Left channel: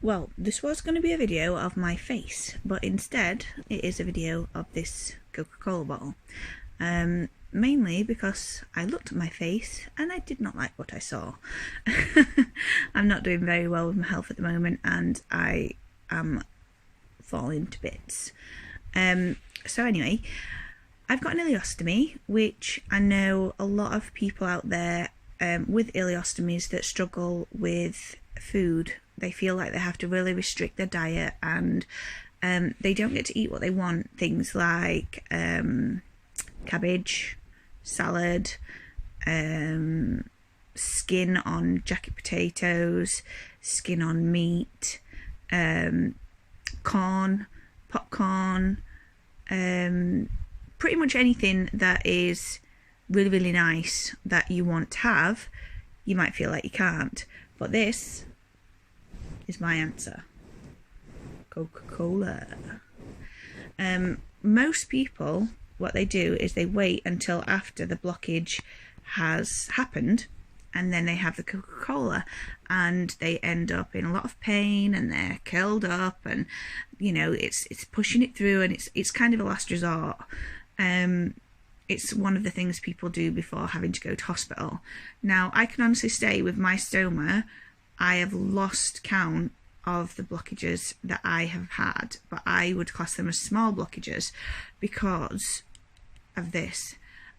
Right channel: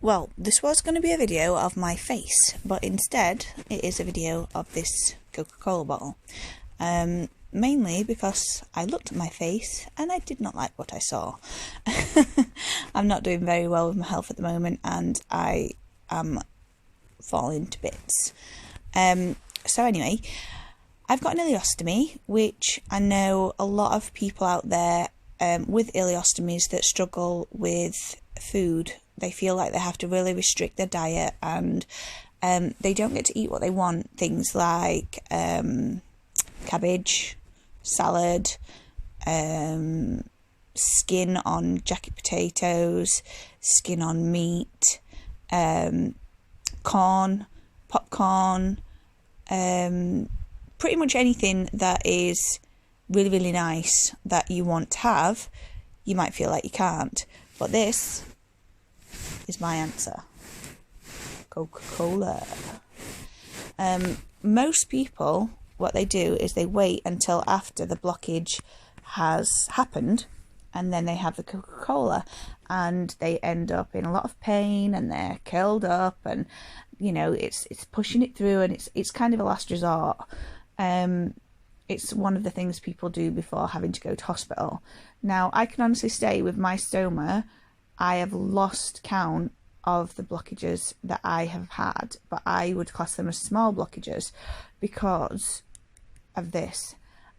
Well, this was going to be a video of my face, but instead it is a video of this Coca-Cola bottle. Mainly because I looked at my face and I did not like what I saw. I'm not doing very well with my health at the moment and I am falling to bits. So anyway, I've got an ileostomy, which I know a lot of people out there with ileostomies that struggle with food. They feel like they have to really restrict their diet and they don't get to eat what they want. Things like cabbage, salad, skin on jacket potatoes, skin on meat, corn, popcorn, pretty much anything that is really, really nice that you want to have, you might feel like you can't. But this is my answer. Coca-Cola. Most people, what they do is they wait until after the blockage has happened and then they have the Coca-Cola and they end up in a lot of pain and they're curled up and you know it's pushing it through and it's kind of a last resort. It's one of the things people do before having to go to hospital. Now I can honestly say with my stoma I have lost count of the blockages that I have had, but I would class them as small blockages because of this.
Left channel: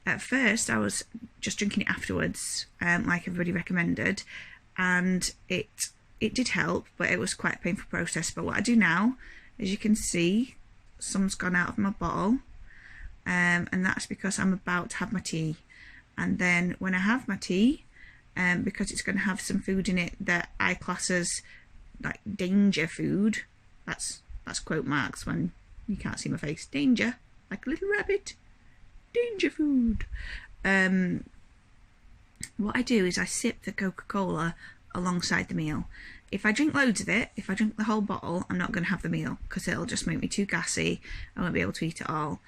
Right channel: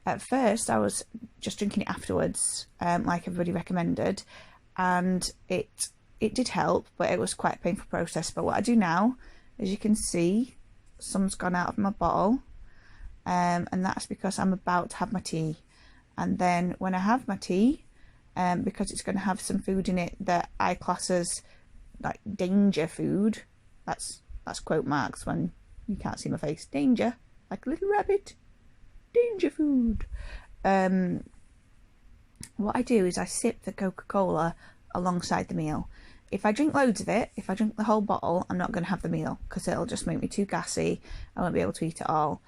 At first I was just drinking it afterwards, like everybody recommended, and it did help, but it was quite a painful process. But what I do now, as you can see, some's gone out of my bottle, and that's because I'm about to have my tea. And then when I have my tea, because it's going to have some food in it that I class as like danger food, that's quote marks when you can't see my face, danger, like a little rabbit, danger food. What I do is I sip the Coca-Cola alongside the meal. If I drink loads of it, if I drink the whole bottle, I'm not going to have the meal because it'll just make me too gassy. I won't be able to eat it all.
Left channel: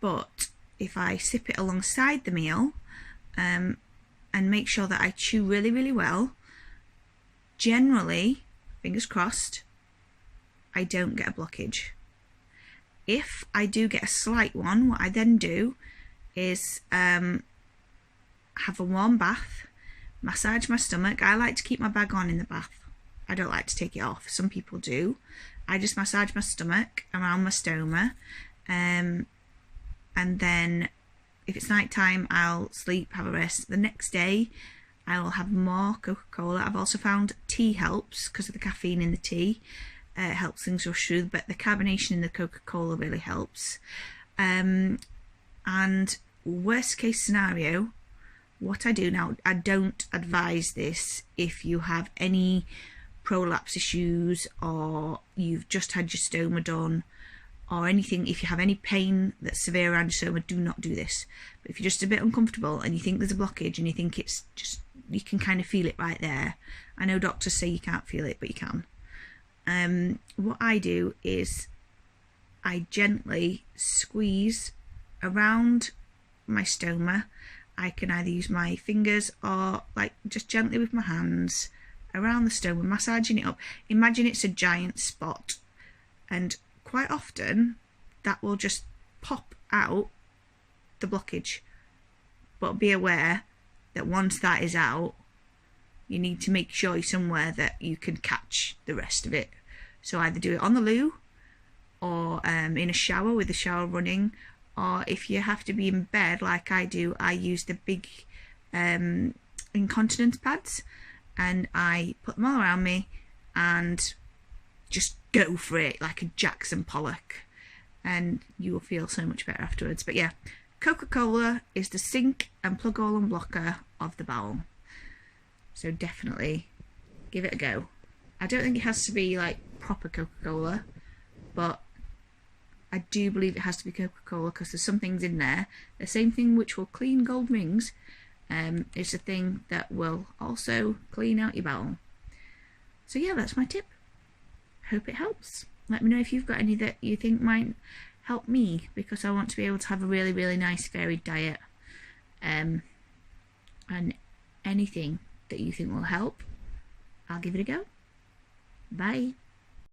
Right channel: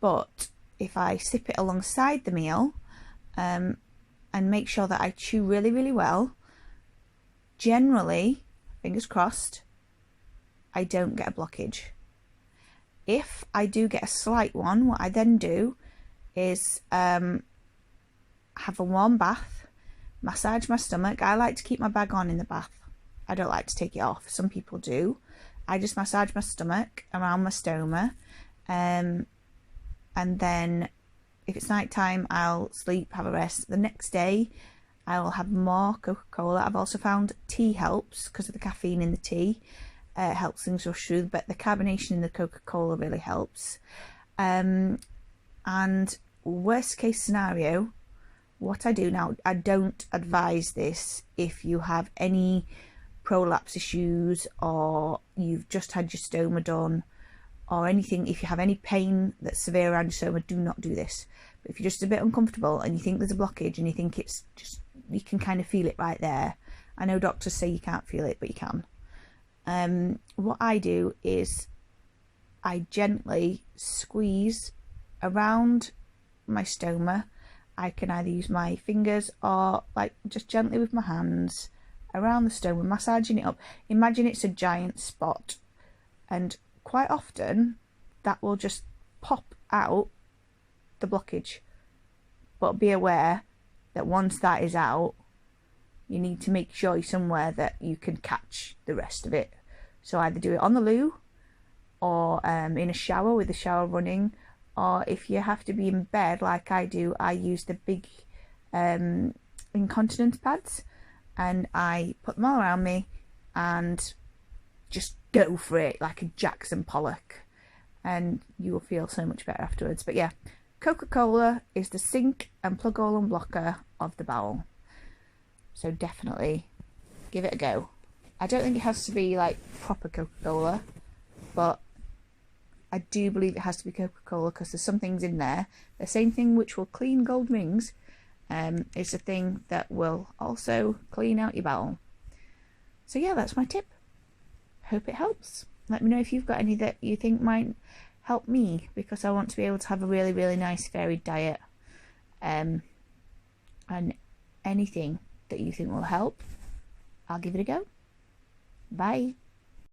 But if I sip it alongside the meal, and make sure that I chew really, really well, generally, fingers crossed, I don't get a blockage. If I do get a slight one, what I then do is have a warm bath, massage my stomach. I like to keep my bag on in the bath. I don't like to take it off. Some people do. I just massage my stomach around my stoma, and then if it's night time, I'll sleep, have a rest. The next day, I'll have more Coca-Cola. I've also found tea helps because of the caffeine in the tea. Helps things rush through, but the carbonation in the Coca-Cola really helps. And worst case scenario, what I do now, I don't advise this if you have any prolapse issues or you've just had your stoma done or anything. If you have any pain that's severe around your stoma, do not do this. But if you're just a bit uncomfortable and you think there's a blockage and you think it's just, you can kind of feel it right there. I know doctors say you can't feel it, but you can. What I do is I gently squeeze around my stoma. I can either use my fingers or like just gently with my hands around the stoma, massaging it up. Imagine it's a giant spot, and quite often that will just pop out the blockage. But be aware that once that is out, you need to make sure you're somewhere that you can catch the rest of it. So either do it on the loo or in a shower with the shower running, or if you have to be in bed like I do, I use the big incontinence pads and I put them all around me and just go for it like a Jackson Pollock, and you will feel so much better afterwards. But yeah, Coca-Cola is the sink and plug hole unblocker of the bowel. So definitely give it a go. I don't think it has to be like proper Coca-Cola, but I do believe it has to be Coca-Cola because there's some things in there. The same thing which will clean gold rings is a thing that will also clean out your bowel. So yeah, that's my tip. Hope it helps. Let me know if you've got any that you think might help me, because I want to be able to have a really, really nice varied diet. And anything that you think will help, I'll give it a go. Bye.